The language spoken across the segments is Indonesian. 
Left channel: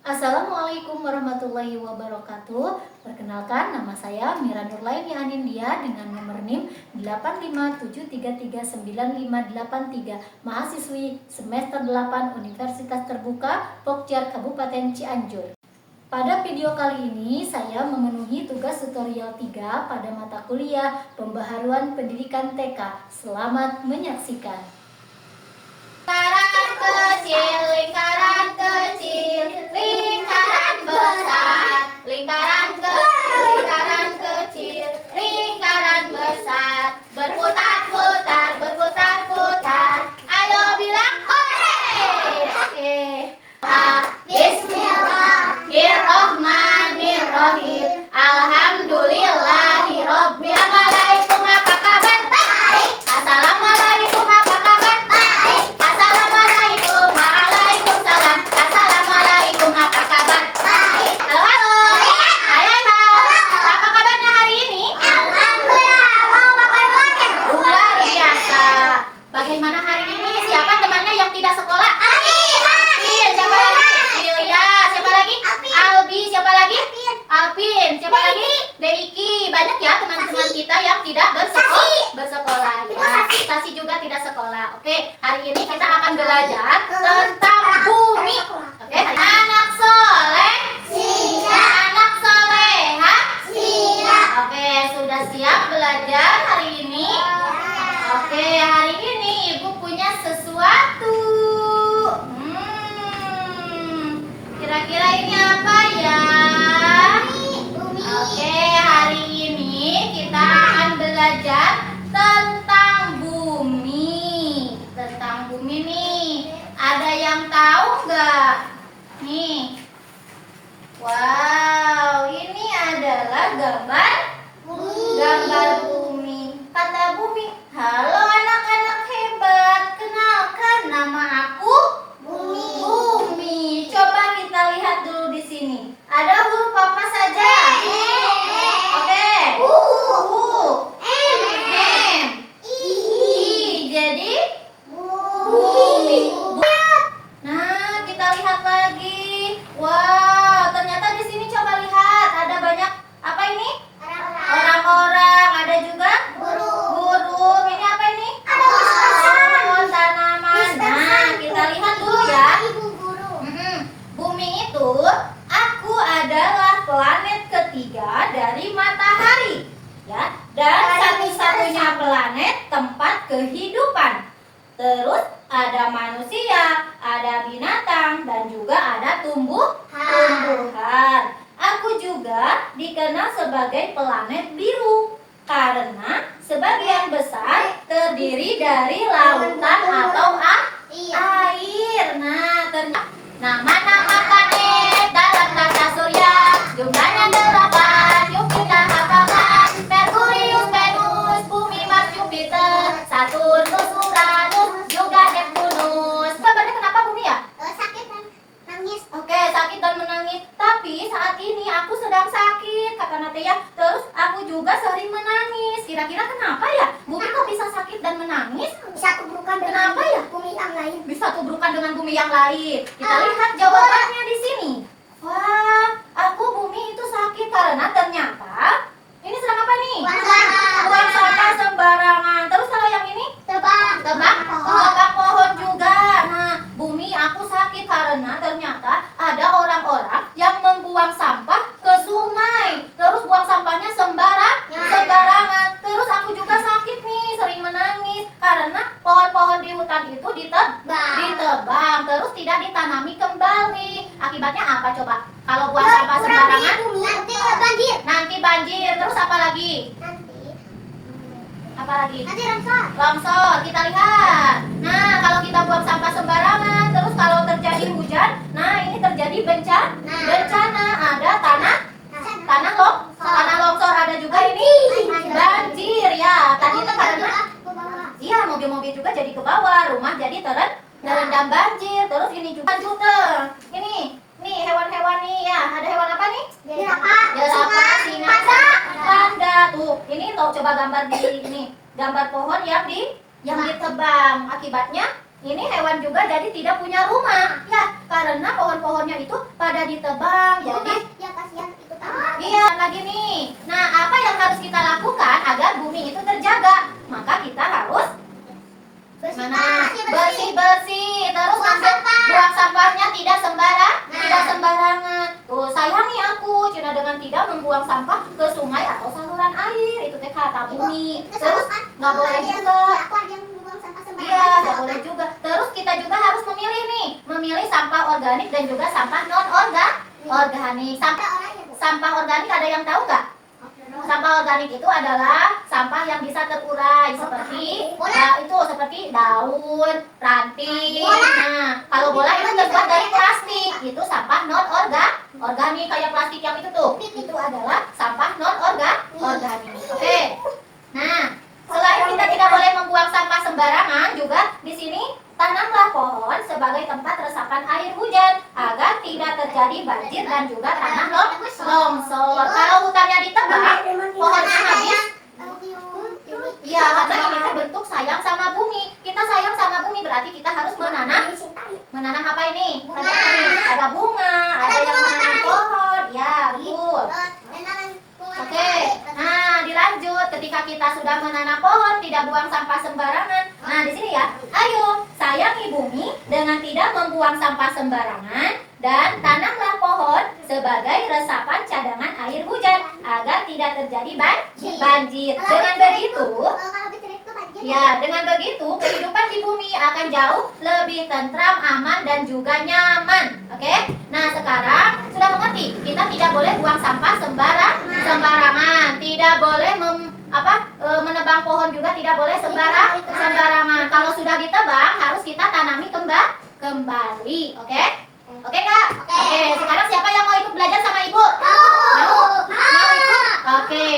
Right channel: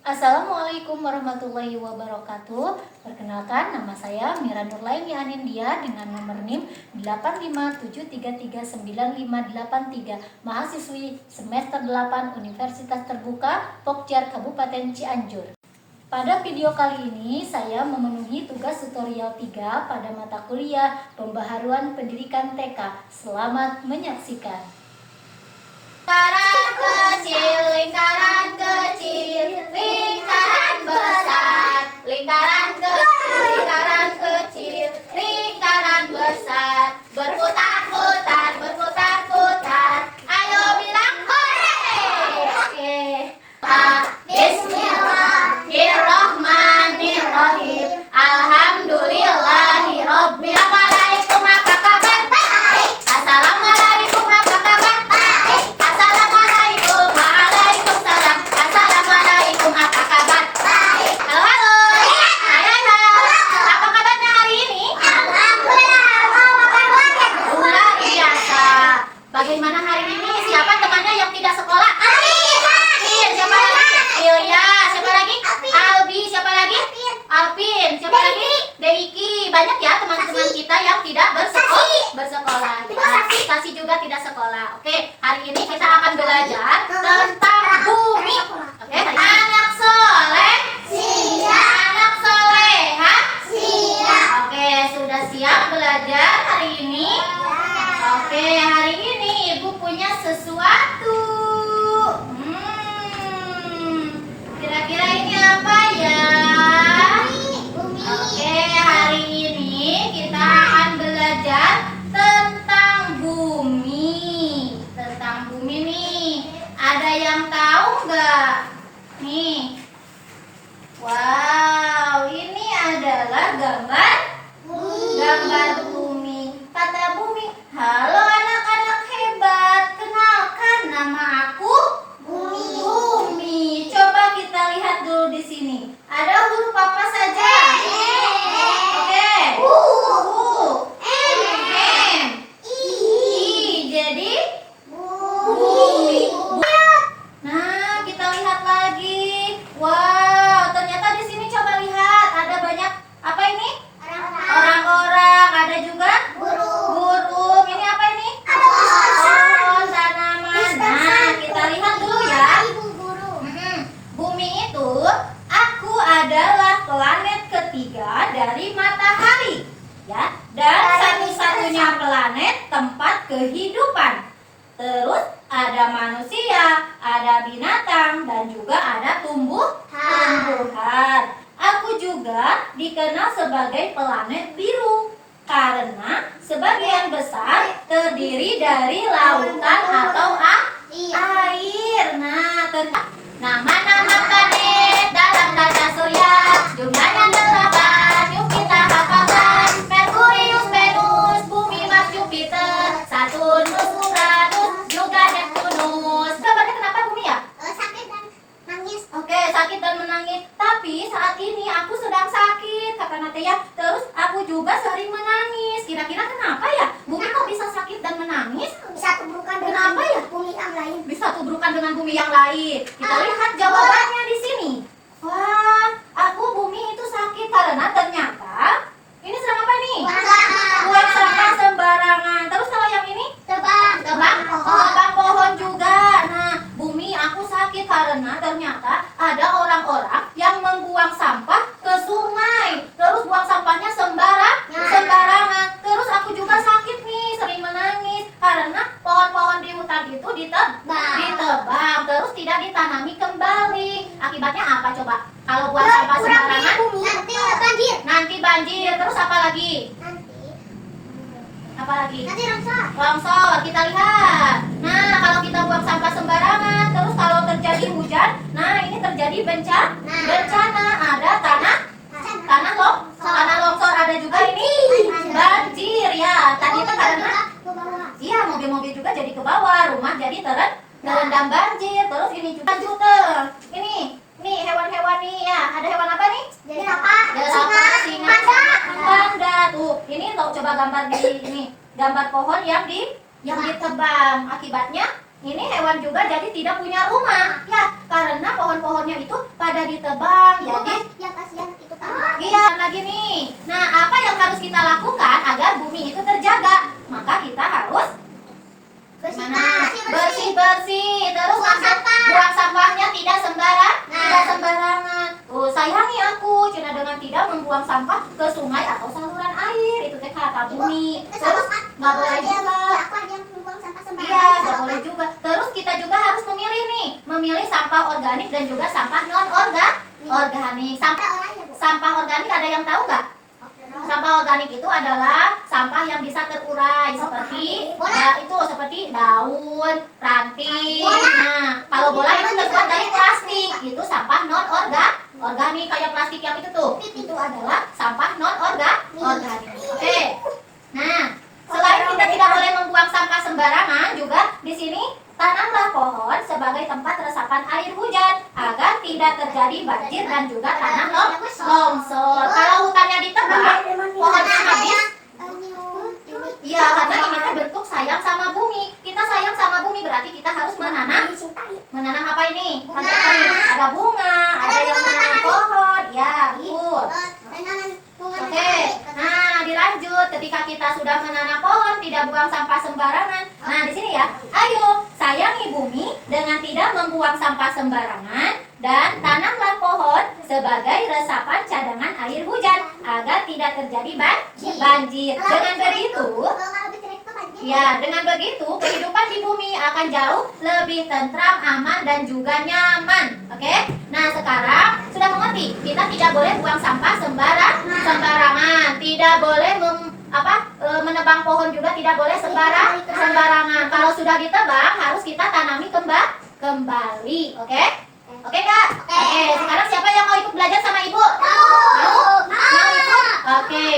Assalamualaikum warahmatullahi wabarakatuh. Perkenalkan, nama saya Mira Nurlaini Anindya dengan nomor NIM 857339583, mahasiswi semester 8 Universitas Terbuka Pokjar Kabupaten Cianjur. Pada video kali ini saya memenuhi tugas tutorial 3 pada mata kuliah Pembaharuan Pendidikan TK. Selamat menyaksikan. Lingkaran kecil, lingkaran besar, lingkaran kecil, lingkaran besar, berputar-putar, berputar-putar. Ayo bilang hore! Oke. Bismillahirrahmanirrahim. Alhamdulillahirabbil alamin. Apa kabar? Baik. Assalamualaikum, apa kabar? Baik. Assalamualaikum, waalaikumsalam. Assalamualaikum, apa kabar? Baik. Halo, halo. Hai, apa kabarnya hari ini? Alhamdulillah. Luar biasa. Bagaimana hari ini? Siapa temannya yang tidak sekolah? Siapa lagi? Ilya. Siapa lagi? Albi. Siapa lagi? Alvin. Siapa lagi? Deiki. Banyak ya teman-teman kita yang tidak bersekolah. Ya. Kasih juga tidak sekolah. Oke, hari ini kita akan belajar tentang bumi. Oke, anak soleh siap. Anak soleha siap. Oke, sudah siap belajar hari ini? Oke, hari ini Ibu punya sesuatu. Kira-kira ini apa ya? Oke, hari ini kita akan belajar tentang bumi. Tentang bumi nih. Ada yang tahu nggak? Nih. Wow, ini adalah gambar bumi. Kata bumi, halo anak-anak hebat, kenalkan nama aku Bumi. Coba kita lihat dulu di sini. Ada huruf apa saja? Oke. U, M, I. Jadi bumi. Nah, kita lihat lagi. Wow, ternyata di sini coba lihat ada banyak apa ini? Orang-orang, ada juga burung. Ini apa ini? Pohon, tanaman. Nah, kita lihat dulu ya. Bumi itu, aku adalah planet ketiga dari matahari, ya. Dan satu-satunya planet tempat kehidupan. Terus ada manusia, ada binatang, dan juga ada tumbuhan. Aku juga dikenal sebagai planet biru karena sebagian besar terdiri dari lautan atau air. Nama-nama planet dalam kaca surya jumlahnya 8. Yuk kita hafalkan: Merkurius, Venus, Bumi, Mars, Jupiter, Saturnus, Uranus, juga Neptunus. Kabarnya kenapa Bumi ya? Sakit dan nangis. Oke, sakit dan menangis. Tapi saat ini aku sedang sakit, kata Natia. Terus aku juga sering menangis. Kira-kira kenapa ya? Bumi kok bisa sakit dan menangis? Bisa tubrukan dengan Kenapa ya? bumi yang lain. Bisa tubrukan dengan bumi yang lain. Kita lihat jawabannya di sini. Wah, aku bumi itu sakit karena ternyata ini sedang apa nih? Buang sampah sembarangan. Terus kalau yang ini? Tebang pohon juga. Nah, bumi aku sakit karena ternyata ada orang-orang yang membuang sampah ke sungai. Terus buang sampahnya sembarangan. Terus aku juga sakit nih, sering menangis karena pohon-pohon di hutan itu ditebang, terus tidak ditanami kembali. Akibatnya apa coba? Kalau buang sampah sembarangan, nanti banjir. Terus apa lagi? Nanti Longsor, kita lihat. Nah, kalau kita buang sampah sembarangan, terus kalau terjadi hujan, nah ini terjadi bencana. Ada tanah longsor, ada juga ini banjir ya. Tadi kan karena mobil-mobil juga jadi ke bawah, rumah jadi terendam banjir. Terus ini juga ini hewan-hewan nih ya. Ada hewan apa nih? Jerapah, singa, panda. Tuh, ini lo coba gambar di ini. Gambar pohon yang ditebang. Akibatnya ini hewan juga jadi tidak punya rumah. Ya, karena pohon-pohonnya itu pada ditebang. Jadi Ya kasihan itu tambah. iya lagi nih. Nah, apa yang harus kita lakukan agar bumi itu terjaga? Maka kita harus bersih-bersih. Terus buang sampahnya tidak sembarangan. Tuh, sayang nih aku Cina dengan tidak membuang sampah ke sungai atau saluran air. Itu teh kata bumi. Terus nggak boleh juga. Aku aja membuang sampah sembarangan. Iya, nggak boleh juga. Terus kita juga harus memilih sampah organik dan juga sampah non organik. Sampah organik ada yang tahu nggak? Sampah organik itu adalah sampah yang bisa terurai seperti seperti daun, ranting. Nah, kalau bola itu terbuat dari plastik, itu sampah non organik kayak plastik yang itu tuh. Itu adalah sampah non organik. Oke. Nah, selain kita tidak boleh membuang sampah sembarangan, juga di sini tanamlah pohon sebagai tempat resapan air hujan agar tidak terjadi banjir dan juga tanah longsor. Kalau hutannya ditebang, pohonnya habis. Ya, karena kita bentuk sayang sama bumi. Kita sayang sama bumi berarti kita harus menanam apa ini? Ada bunga, ada yang menanam pohon. Ya, betul. Oke, nah dilanjut. Ketika kita sudah menanam pohon, tidak buang sampah sembarangan. Nah di sini ya, ayo sayangi bumi dengan tidak membuang sampah sembarangan dan tanamlah pohon sebagai resapan cadangan air hujan agar tidak terjadi banjir. Dengan begitu kehidupan di bumi akan jauh lebih tentram, aman dan juga nyaman. Oke? Nah sekarang sudah mengerti, kita tidak boleh buang sampah sembarangan, tidak boleh menebang pohon juga tidak boleh sembarangan. Kalau sudah ditebang harus kita tanami kembali. Oke? Oke Kak? Oke, sekarang siapa yang mau ikut belajar sama Ibu? Mau ikut? Oke.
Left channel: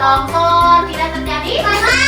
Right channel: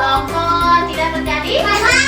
longsor tidak terjadi.